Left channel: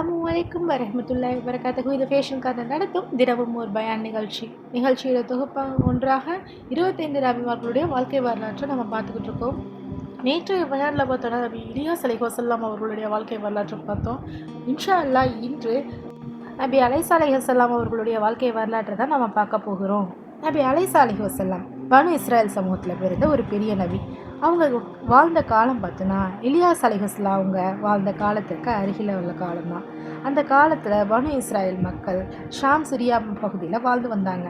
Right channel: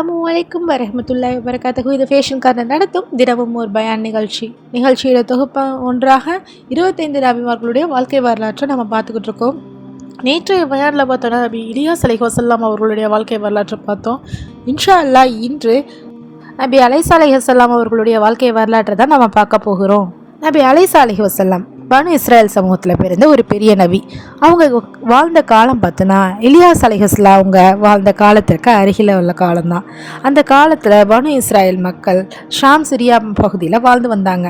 அஸ்ஸலாமு வரஹ்மத்துல்லாஹி வபரகாத்துஹு. இது ஃபேஷன் கார்னர் நடத்தும் தினமும் ஒரு பயான் நிகழ்ச்சியோட ஒன்றாக 25 நபிமார்களுடைய வாழ்க்கை வரலாற்றை நம்ம பார்த்துக்கிட்டு இருக்கோம். நேற்றைய பயானில் பார்த்தோன்னா நபி இலியாஸ் அலைஹிஸ்ஸலாம் அவர்களுடைய வாழ்க்கை வரலாற்றை பார்த்தோம். இன்ஷா அல்லாஹ் இன்று நபி அலைசா அலைஹிஸ்ஸலாம் அவர்களுடைய வாழ்க்கை வரலாற்றை தான் நம்ம பார்க்க போகிறோம். நபி அலைசா அலைஹிஸ்ஸலாம் பனு இஸ்ராயல் சமூகத்தில் பிறந்த ஒரு பெரிய நபி. அவங்க வாழ்ந்த காலம் பார்த்தோன்னா இலியாஸ் அலைஹிஸ்ஸலாம் அவங்க வாழ்ந்த காலத்திற்கு அருகில் உள்ள காலம்தான். அந்த காலத்தில் பனு இஸ்ராயல் மக்கள் ஷாம் சிரியா பகுதியில் வாழ்ந்து வந்தாங்க.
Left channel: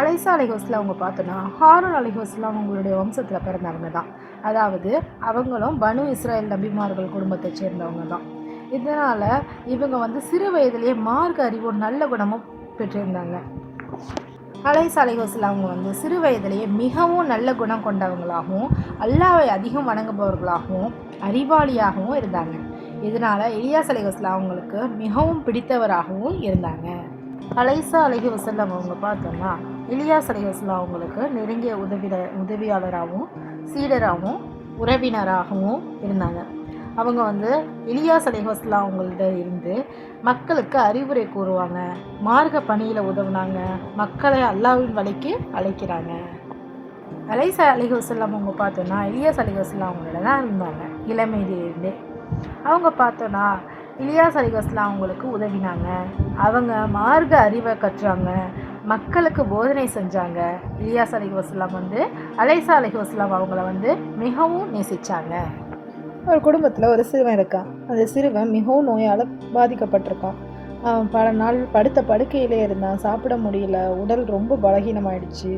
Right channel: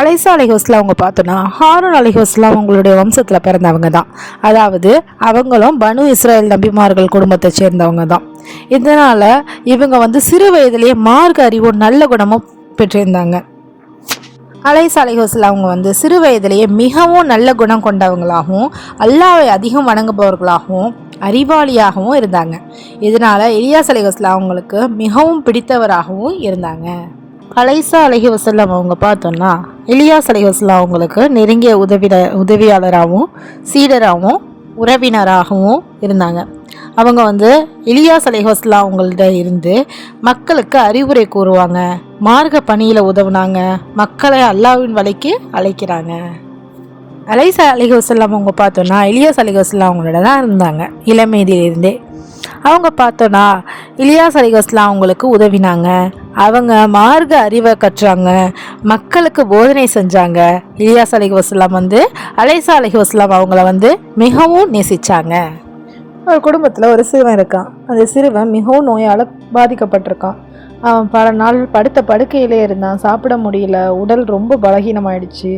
அலைசா அலைஹிஸ்ஸலாம் அவங்க பார்த்தோன்னா ஹாரூன் அலைஹிஸ்ஸலாம் அவங்களுடைய வம்சத்தில் பிறந்தவங்க தான். அதாவது அவங்களும் பனு இஸ்ராயல் நபிமார்கள் குடும்பத்தை சேர்ந்தவங்க தான். இதனால் இவங்க சிறு வயதிலேயே மார்க்க அறிவும் நல்ல குணமும் பெற்றிருந்தாங்க. அலைசா அலைஹிஸ்ஸலாம் அவங்க சிறு வயதிலேயே மிகவும் நல்ல குணம் கொண்டவங்களாகவும் அல்லாஹ்வை அதிகம் வணங்குபவர்களாகவும் அறிவாளியாகவும் இருந்தாங்க. இதனால் இலியாஸ் அலைஹிஸ்ஸலாம் அவங்களுக்கு மிகவும் பிடித்தவராகவும் இருந்தாங்க. அலைசா அலைஹிஸ்ஸலாம் அவங்க பார்த்தோன்னா இலியாஸ் அலைஹிஸ்ஸலாம் அவங்களுக்கு நெருங்கிய உதவியாளராகவும் சீடராகவும் உறவினராகவும் இருந்தாங்க. அவங்க இலியாஸ் அலைஹிஸ்ஸலாம் அவங்கள்ட்ட இருந்து மக்களுக்கு அறிவுரை கூறுவாங்க, மார்க்க பணியில் உதவுனாங்க, மக்களை அல்லாஹ்வின் வழிக்கு அழைக்கிறாங்க. அலைசா அலைஹிஸ்ஸலாம் அவங்க பார்த்தோன்னா இலியாஸ் அலைஹிஸ்ஸலாம் அவங்களோட தான் இருந்தாங்க இளமையிலிருந்தே. அவங்க பார்த்தோன்னா இலியாஸ் அலைஹிஸ்ஸலாம் அவங்களுக்கு உதவினாங்க, அவங்க மார்க்க அறிவை கற்றாங்க, மக்களுக்கு போதனை செஞ்சாங்க. இலியாஸ் அலைஹிஸ்ஸலாம் அலைசா அலைஹிஸ்ஸலாம் அவங்கள மிகவும் நேசித்தாங்க. ஒரு குடும்பத்தில் ஒரு சிறுவன் இருக்கான். அந்த சிறுவன் மிகவும் நோயால் பாதிக்கப்பட்டிருக்கான். அவன் பல நாள் படுத்த படுக்கையிலே இருந்தான், சாப்பிட முடியல, உடல் ரொம்ப பலகீனமாயிடுச்சு.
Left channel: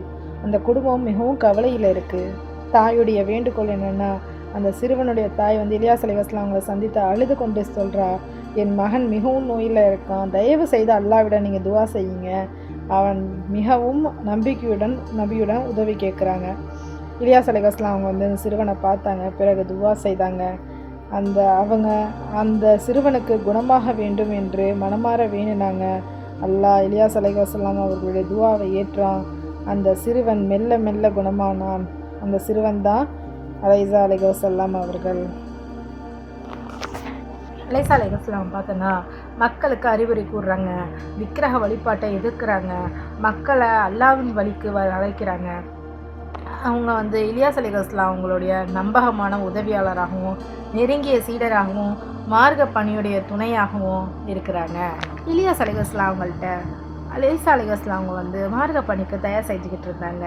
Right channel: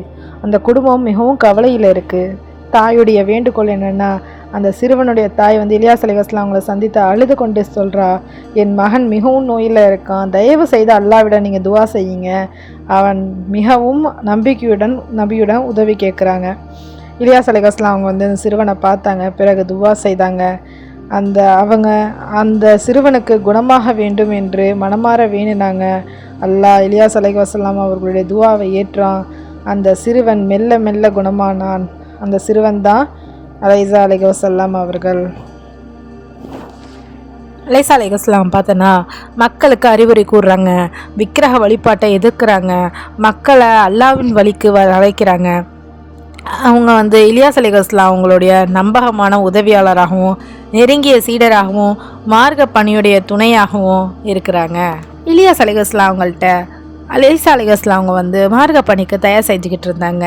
அந்த குடும்பம் மிகவும் கவலையில் இருக்குது. தாயுடைய வேண்டுகோள் என்னென்னா, அந்த சிறுவனுடைய தாய் இலியாஸ் அலைஹிஸ்ஸலாம் அவங்கள சந்தித்து அழுது கொண்டு சொல்கிறா, என் மகன் மிகவும் நோயில் இருக்கான், தயவு செய்து அல்லாஹ்விடம் நீங்கள் துவா செய்யுங்க. அவன் மிகவும் நபியுடன் உதவி கேட்குறாங்க. இலியாஸ் அலைஹிஸ்ஸலாம் அவங்க அந்த சிறுவனை பார்த்தாங்க, பிறகு துவா செய்தாங்க. அந்த சிறுவனுக்கு குணமாக வேண்டும் என்று மனமாற வேண்டினாங்க. அல்லாஹ் இலியாஸ் அலைஹிஸ்ஸலாம் அவர்களுடைய துவாவை ஏற்றான். அந்த சிறுவன் மெல்ல மெல்ல குணமானான். அந்த சிறுவன் தான் அலைசா அலைஹிஸ்ஸலாம் அவர்கள். அலைசா அலைஹிஸ்ஸலாம் பார்த்தோன்னா மக்களுக்கு அறிவுரை கூறுறாங்க, விக்கிரக வழிபாட்டை எதிர்க்கிறாங்க, மக்களை அல்லாஹ்வின் வழிக்கு அழைக்கிறாங்க. அவங்க இலியாஸ் அலைஹிஸ்ஸலாம் அவங்களுடைய நம்பகமான உதவியாளராகவும் நெருங்கிய சீடராகவும் மார்க்க பணியுடைய துணையாகவும் இருக்கிறாங்க. இலியாஸ் அலைஹிஸ்ஸலாம் அவங்கள்ட்ட அலைசா அலைஹிஸ்ஸலாம் அவங்க மார்க்க பணிக்கு தயார் செஞ்சுக்கிட்டு இருந்தாங்க.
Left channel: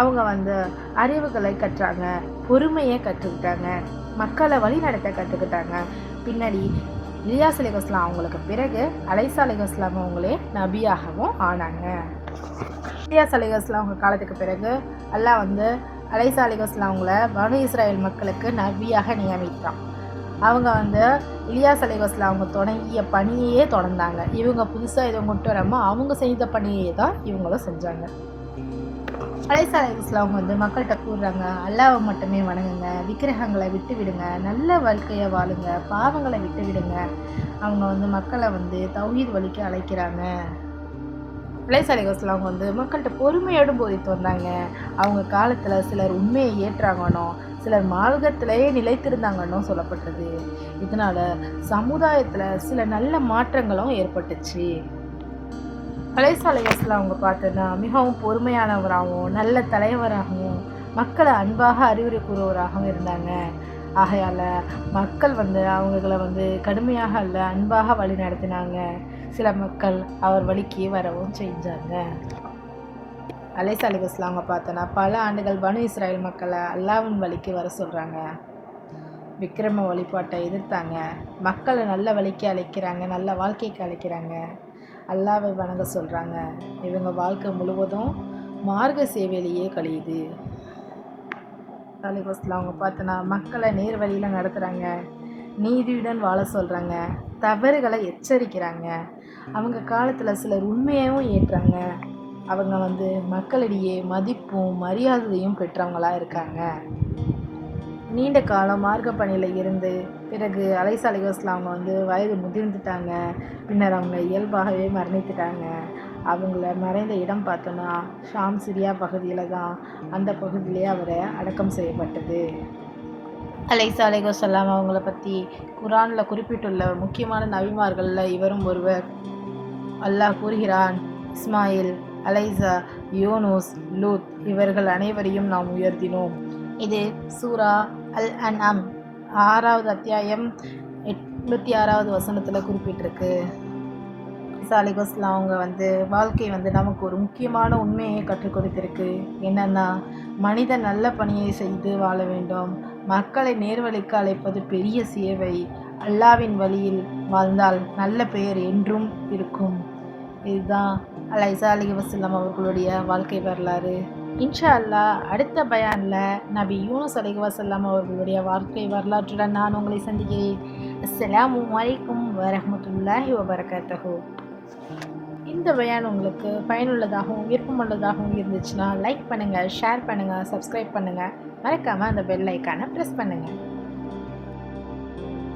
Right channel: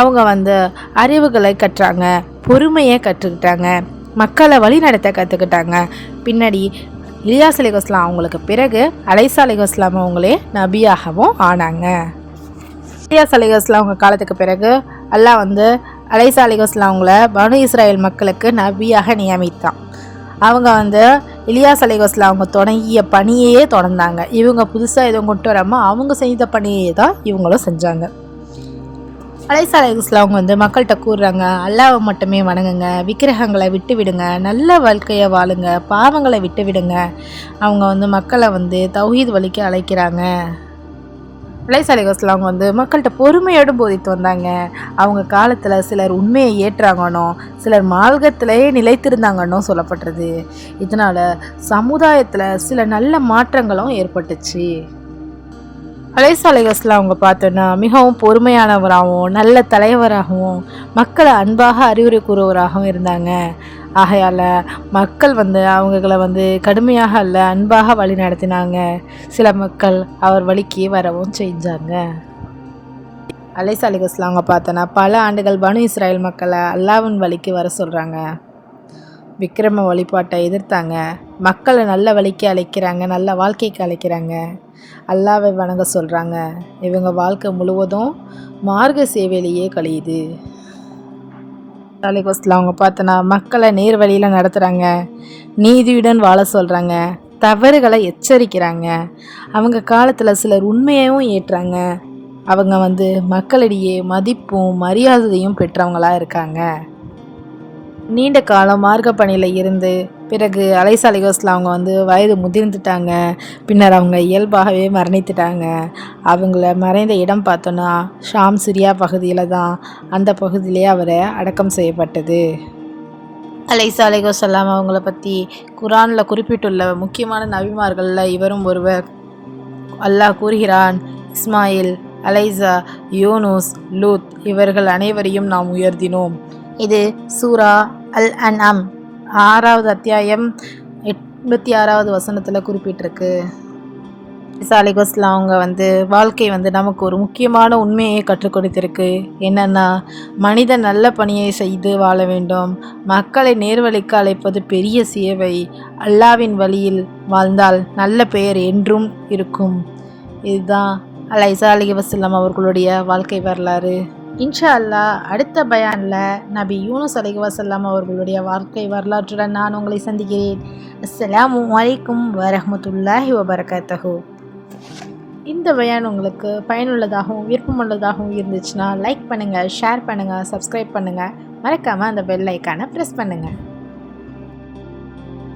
அவங்க அறிவுகளை கற்றாங்க, பொறுமையை கற்றுக்கிட்டாங்க, மக்களை வழி நடத்த கற்றுக்கிட்டாங்க. பின்னாடி இலியாஸ் அலைஹிஸ்ஸலாம் அவங்களுக்கு பிறகு அலைசா அலைஹிஸ்ஸலாம் அவங்களே நபியாகவும் ஆனாங்க. இலியாஸ் அலைஹிஸ்ஸலாம் அவங்க காலத்துக்கு பிறகு அல்லாஹ் அலைசா அலைஹிஸ்ஸலாம் அவங்கள பனு இஸ்ராயல் மக்களுக்கு நபியாக நியமித்தான். அவங்க இலியாஸ் அலைஹிஸ்ஸலாம் அவங்க தொடங்கிய பணியையே தொடர்ந்தாங்க. இவங்க புதுசாக எதுவும் கொண்டு வராமல் அவங்க செய்த பணியை தான் இவங்களும் செஞ்சாங்க. அலைசா அலைஹிஸ்ஸலாம் அவங்க மக்கள்கிட்ட கூறுறாங்க, அல்லாஹ்வை மட்டுமே வணங்குங்க, விக்கிரகங்களை விட்டு விடுங்க, நல்ல வாழ்க்கையை வாழுங்க, பாவங்களை விட்டு விடுங்க. அவங்க மக்களை தௌஹீத் வழிக்கு அழைக்கிறாங்க. அலைசா அலைஹிஸ்ஸலாம் அவங்க மக்கள்கிட்ட பொறுமையோடு போதித்து வந்தாங்க. அவங்க காலத்தில் சிலர் உண்மையை ஏற்றாங்கன்னோ சிலர் மார்க்கத்திலேயே நிலைத்திருந்தாங்கன்னோ சொல்லப்பட்டது. இதனால் சமுதாயத்தில் சில நல்ல மாற்றங்களும் ஏற்பட்டுச்சு. அலைசா அலைஹிஸ்ஸலாம் அவங்க பார்த்தோன்னா மிகவும் பொறுமையானவராகவும் நல்ல தலைவராகவும் மக்களை அன்பாக அறிவுரை கூறுவராகவும் இருந்தாங்க. ஆகையால் மக்கள் அவங்கள கடுமையாக அல்ல அன்பாக வழி நடத்தினாங்க. சில மக்கள் அவர் வழிக்கு வரவும் செஞ்சாங்க. அலைசா அலைஹிஸ்ஸலாம் அவங்க பார்த்தோன்னா பல ஆண்டுகள் பனு இஸ்ராயல் மக்களை அல்லாஹ்வின் வழிக்கு வர சொல்கிறாங்க. விக்கிரம வழிபாட்டை எதிர்த்தாங்க, மக்களை நல்ல வழிக்கு அழைக்கிறாங்க, நல்ல வாழ்க்கைக்கு அழைக்கிறாங்க, அல்லாஹ்வை வணங்க சொல்கிறாங்க. இவங்க வாழ்க்கை முழுவதும் மார்க்க சேவையிலேயே கழியுது. அலைஹிஸ்ஸலாம் அவங்க பார்த்தோன்னா மக்களை நேர் வழியில் நடத்துகிறாங்க, நீதியுடன் வாழ சொல்கிறாங்க, தவறுகளை எச்சரிக்கிறாங்க. அவங்க காலத்தில் சிலர் உண்மையையும் ஏற்றாங்க. அவங்க மக்களிடையே மதிப்பும் மரியாதையும் பெற்றவங்களாக இருக்காங்க. நீண்ட காலம் மார்க்க பணியில் இருந்து பிறகு அலைசா அலைஹிஸ்ஸலாம் அவங்க வயது முதிர்ந்துட்டாங்க. பின்னர் அவங்க இயல்பாகவே மரணித்துட்டாங்க. அவங்கள மறைந்த இடம் பார்த்தோன்னா ஷாம் சிரியா பகுதியில் தான். அந்த பகுதியிலே அவரை அடக்கம் செய்யப்பட்டது. அலைசா அலைஹிஸ்ஸலாம் அவங்கள பற்றி குரானில் குறிப்பிட்டுள்ள முக்கியமான நபிமார்களில் இவரும் ஒருவர். அல்லாஹ் கூறுகிறான், இஸ்மாயில், அலைசா, யூனுஸ், லூத் இவர்கள் அனைவரையும் நாம் உயர்த்தினோம். இது சூரா அல் அன்அம் 6வது அத்தியாயம் 86வது வசனத்தில் குறிப்பிட்டிருக்கு. ஈசா அலைஹிஸ்ஸலாம் அவங்க வாழ்க்கை நமக்கு ஒரு முக்கியமான உண்மையை கற்றுக் கொடுத்திருக்கு. என்னன்னா, மனிதன் நல்ல பணியை செய்து வாழ வேண்டும். மக்களை நேர்வழிக்கு அழைப்பது பெரிய சேவை. அல்லாவின் வழியில் வாழ்ந்தால் நல்ல பெயர் என்றும் இருக்கும். இதுதான் ஈசா அலைஹிஸ்ஸலாம் அவர்களுடைய வாழ்க்கை வரலாறு. இன்ஷா அல்லாஹ் அடுத்த பயானில் நபி யூனுஸ் அலைஹிஸ்ஸலாம் அவர்களுடைய வாழ்க்கை வரலாற்றுடன் நான் உங்களை சந்திக்கிறேன். அஸ்ஸலாமு அலைக்கும் வரஹ்மத்துல்லாஹி வபரகாத்துஹு. இந்த பயான் உங்களுக்கு பயனுள்ளதாகவும் விருப்பமுள்ளதாகவும் இருந்துச்சுன்னா லைக் பண்ணுங்கள், ஷேர் பண்ணுங்கள், சப்ஸ்கிரைப் பண்ணுங்கள். மறக்காமல் அந்த பெல் ஐக்கானை ப்ரெஸ் பண்ணுங்கள்.